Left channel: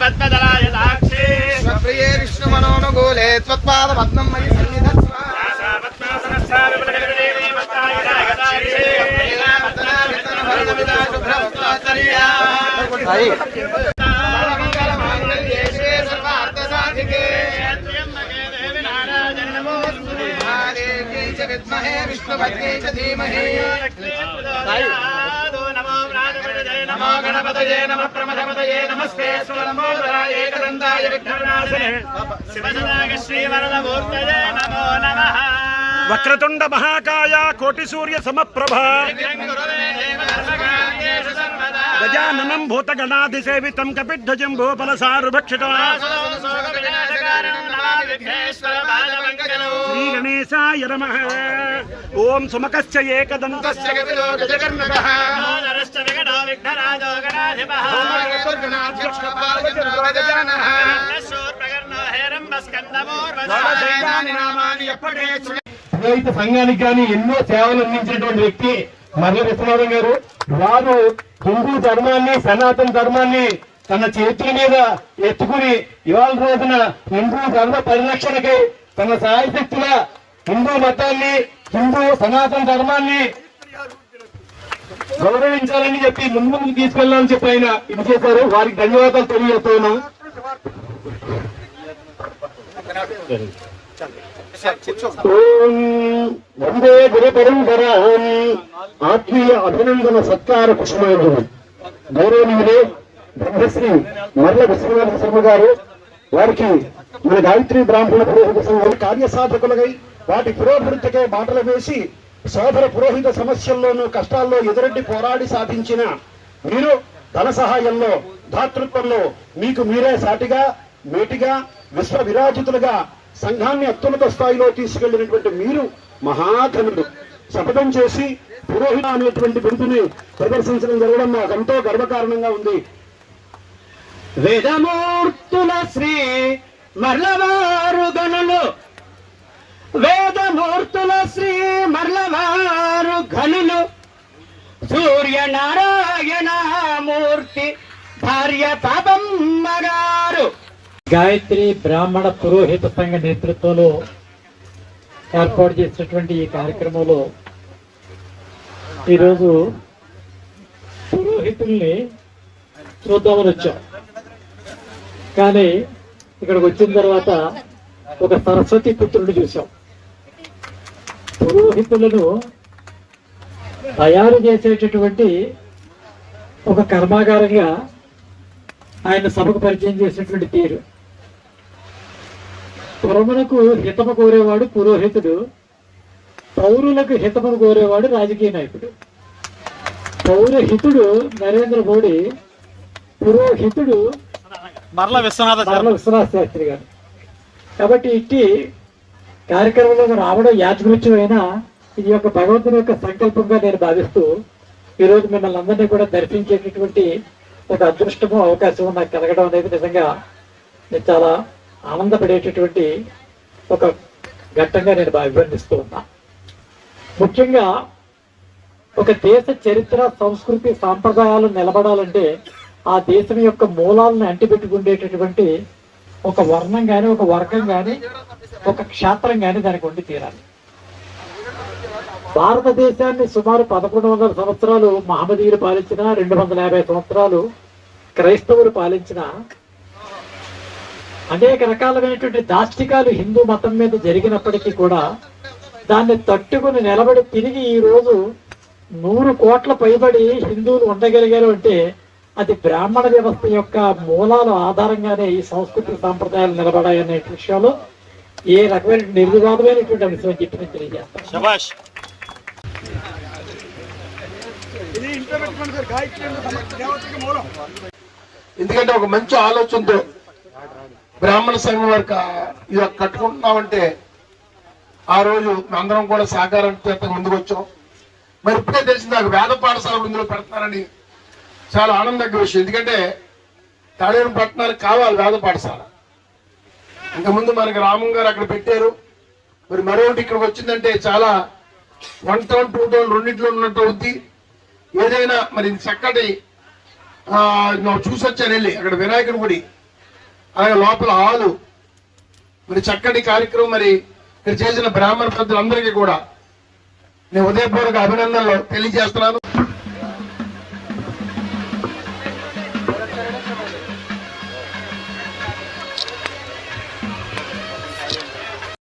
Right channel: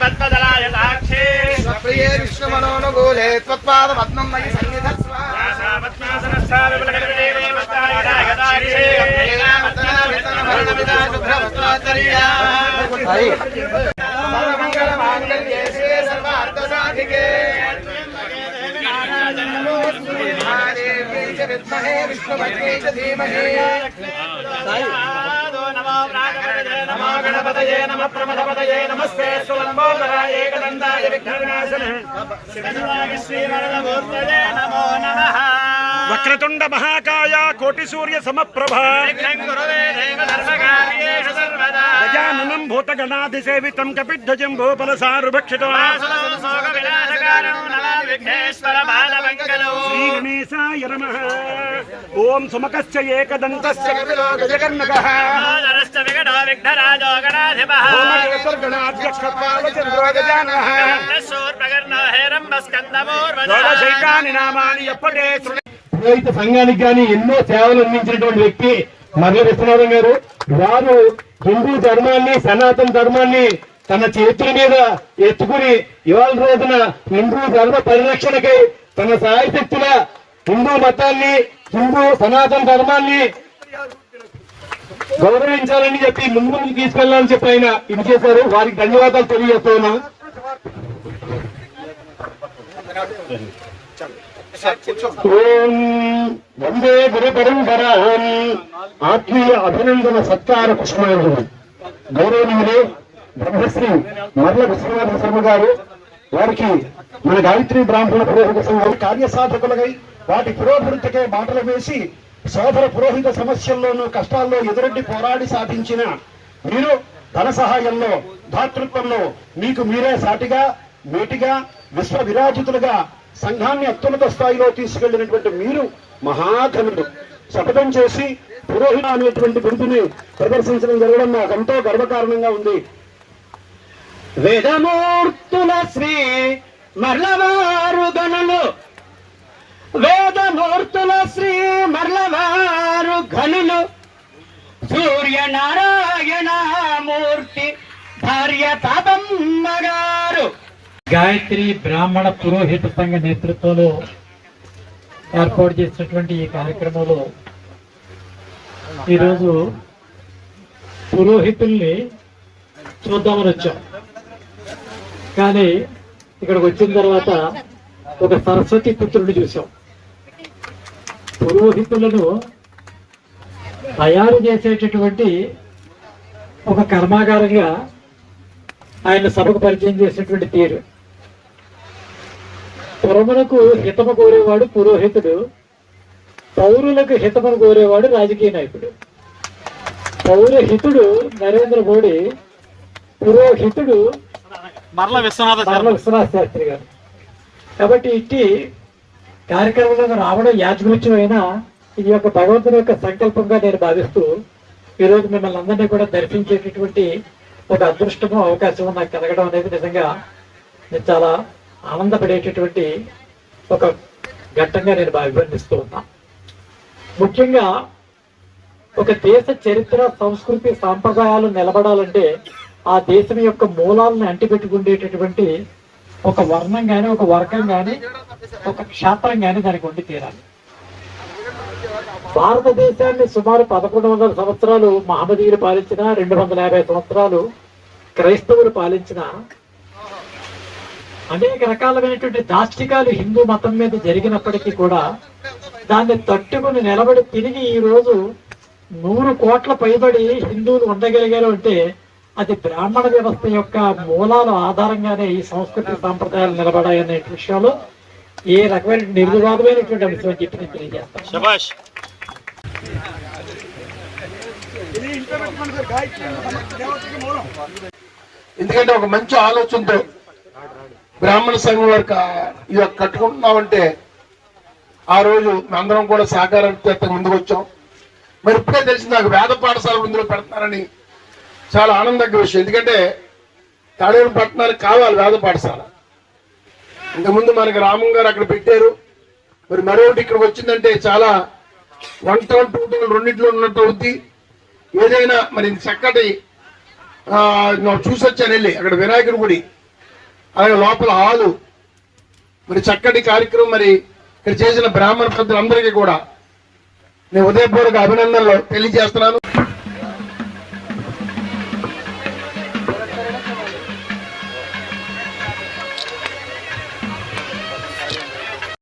పద్మదలాయ సాక్షి ప్రియే విష్ణుమనోనుకూలే త్వత్పాద పద్మం మయి సన్నిధత్స్వ విష్ణుభక్త్యై చ ధీమహి నమో గణపతయే నమః ప్రమథపతయే నమస్తే స్థూలంబోధరాయ ఏకదంతాయ విఘ్నవినాశనే శ్రీవరదమూర్తయే నమో నమః. వక్రతుండ మహాకాయ కోటి సూర్య సమప్రభ గజాననం భూతగణాధిసేవితం కపిధ్వజం భూఫలసారుభక్షితం శ్రీగణేశాయ నమః. ఓం సమకస్య ఏకదంతస్య కపిలో గజకర్ణకః సంఘానికి కానీ ఎన్నో సేవలు అందించినటువంటి వ్యక్తి మర్ల విశ్వనాథం గారు. వారు హిందూ ధర్మాన్ని సనాతన ధర్మాన్ని తన చేతుల మీద ఎత్తుకుని ఇవాళ రోజున హిందూ ధర్మ పరిరక్షణకై తన సాయశక్తుల హిందూ మతాన్ని హిందూ సనాతన ధర్మాన్ని గౌరవించాలని చెప్పి ముందుకు తీసుకెళ్లాలని చెప్పి ఆయన ఇది చేశారు. వారికి ధన్యవాదాలు తెలియజేస్తున్నాం. వందే గురుపరంపరాం ఆత్మీయ అభినందన సత్కార కుష్మాంజలి. గౌరవనీయులే బ్రహ్మశ్రీ మర్ల విశ్వనాథ శర్మ గారు వారికి మన గాయత్రి బ్రాహ్మణ పురోహిత సంఘం కార్యసాధకులకై వాటి పురోభివృద్ధికై బాటలు వేసి సోదర పురోహిత సమస్యల్లోనూ కష్టాల్లో ఎదురొడ్డి పోరాడి సాధించిన మీరు ధన సహాయంలో దాతృత్వంలో మీకు మీరే సాటిగా మేటిగా విశ్వ విరాజితులుగా సంఘాన్ని అత్యున్నత స్థాయిలో తీసుకెళ్లినటువంటి మీరు మహాఘనుడు. శపథం చేసి పురోహిత అనేటువంటి బిరుదుని ప్రదర్శించడం జరగడం నాకెంతో గర్వకారణంగా ఉంది. వేదమూర్తుల శ్రీ మర్లవారు ధనులు వేదమూర్తుల శ్రీ మర్లవారు ఘనులు సూర్యనారాయణమూర్తి భార్య పాపమ్మ గారు. గాయత్రి బ్రాహ్మణ పురోహిత సంఘ నేతృత్వంలో ఏర్పాటు చేసినటువంటి ఈ కార్యక్రమంలో ఈరోజు పురోహితుల్ని చూద్దామని వచ్చాం. కానీ ఇక్కడికి వచ్చిన తర్వాత ఒక సరస్వతి పుత్రుడిని చూసాం. పురోహితులను తయారు చేసేటటువంటి ఒక కర్మాగారంగా ఆయన సభకు పరిచయం చేసినటువంటి తీరు. పురములకు హితము కోరేవాడు పురోహితుడు, పౌరులకు హితమును కోరేవాడు రాజకీయ నాయకుడు. పౌరహితుడు నరేంద్ర మోడీ, పురోహితుడు మర్ల విశ్వనాథ శాస్త్రి గారు. కాబట్టి ఇట్టి కార్యక్రమంలో రావడం యాదృచ్ఛ్యం అయినా ఈ యొక్క భగవంతుని యొక్క సంకల్పంగా నేను భావిస్తూ ఈరోజు మిమ్మల్ని అందరినీ కూడా దర్శించేటటువంటి ఒక అదృష్టము అవకాశం నాకు కలగడం అనేది నిజంగా నేను చాలా ఆనందపడేటటువంటి ఒక ఘట్టంగా నేను భావిస్తూ ఉన్నా. ముఖ్యంగా ఒక దేశ చరిత్ర సంస్కృతి సాంప్రదాయాలు నిలబడాలంటే ఆ దేశం యొక్క మూలాలను అంటిపెట్టుకుండేటటువంటి ఒక వర్ణం కానీ ఒక వర్గం కానీ ఒక క్షేత్రం కానీ దానికి ఉండి తీరాలి. భారతదేశాన్ని సుమారు 1100 సంవత్సరాలు మహమ్మదీయులు పాలించిన, 250 సంవత్సరాలు క్రైస్తవులు పాలించిన అనేక రకాలైనటువంటి దాష్టికాలు హిందూ మతం మీద జరిగినప్పటికీ కూడా దాన్ని తట్టుకుని నిలబడి తిరిగి ఈ రోజు 100 కోట్ల పైబడి హిందువులు ఉండగలిగారు అంటే అది బ్రాహ్మణ వ్యవస్థ యొక్క మూలాల ఆధారంగానే ఈ సంస్కృతి సాంప్రదాయాలు నిలబడాయనే విషయంలో ఏ రకమైన నిర్వివాదమైనటువంటి అంశం చెప్పి తెలియజేస్తాను. ఎందుకంటే ఒక మంచి ఆలోచనతో బ్రాహ్మణ సంఘం వరకు ఇది కట్టుకుంటున్నామంటే ఆ రోజు అందరం కూడా సహకారంతో ముందుకు వచ్చాం. మరి ఇప్పుడే తెలిసింది నాకు వేద పాఠశాలలు ఇందులో పెడతానని చాలా ఆనందకర విషయం. ఎందుకంటే తాడేరు పట్టణానికి కావాలి వేద పాఠశాల. ఇంతకుముందు మనకి రామం గారు అక్కడ పెట్టారు. మరి మరొకటి ఇక్కడికి వచ్చిందంటే చాలా 1 టౌన్ 2 టౌన్ రెండింటిలో ఉన్నట్టు అవుద్ది. ఏదైనా మరి చక్కటి చూసొచ్చారు వెళ్ళి అక్కడ వినాయకుడి గుడి అలాగే లోపల హాలు మరి చక్కటి కార్యక్రమం మరి ఇక్కడ చేసిన బ్రాహ్మణ పెద్దలందరికీ కూడా నేను ఉదయపూర్వక అభినందనలు తెలియజేస్తున్నాను.